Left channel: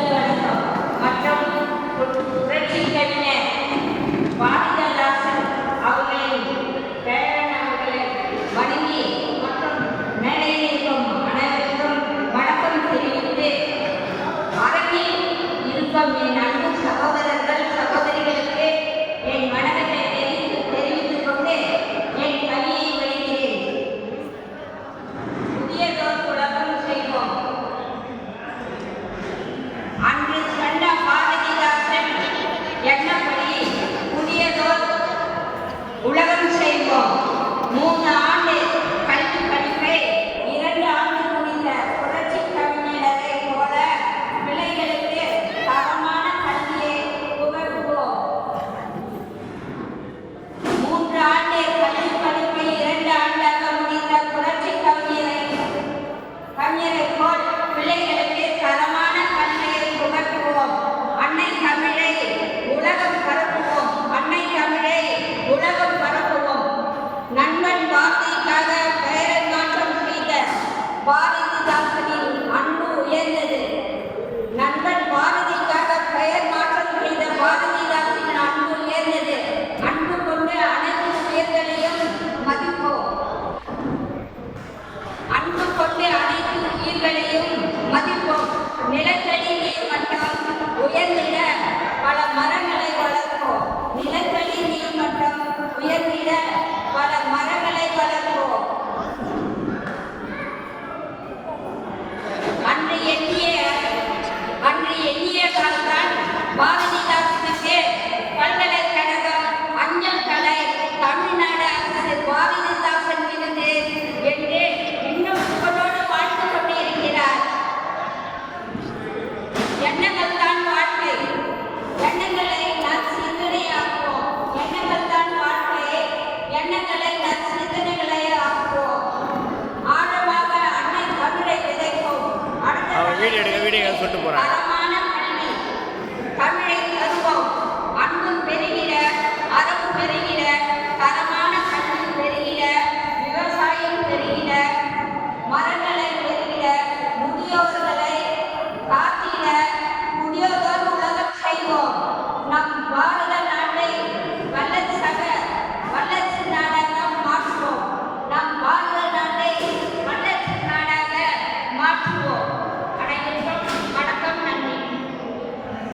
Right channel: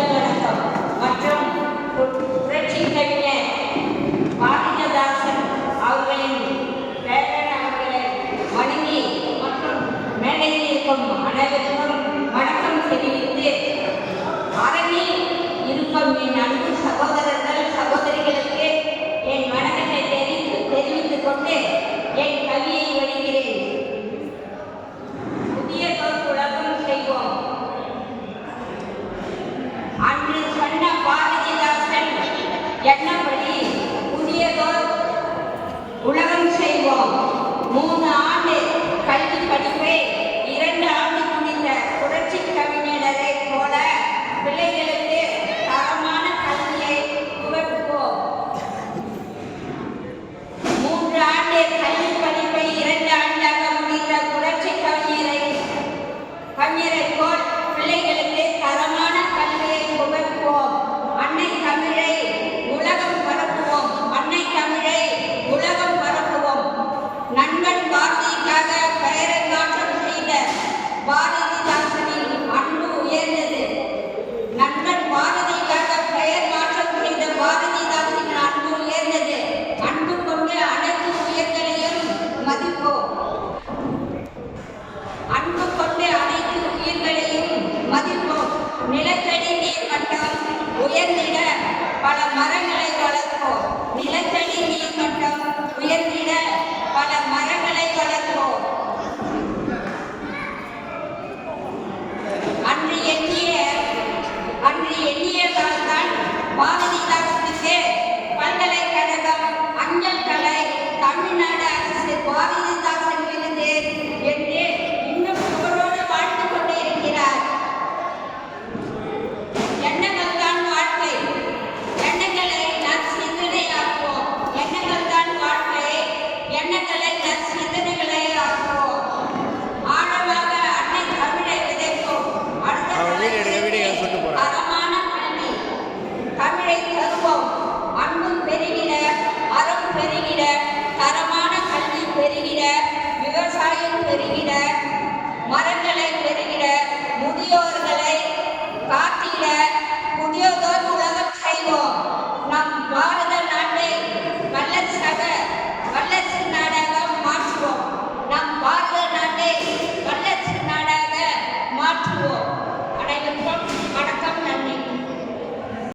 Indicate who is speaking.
Speaker 1: உடல் வணக்கம் மற்றும் புரட்சி கவிஞர் ಯಜ್ಞ சொல்லிட்டு போகிறாங்க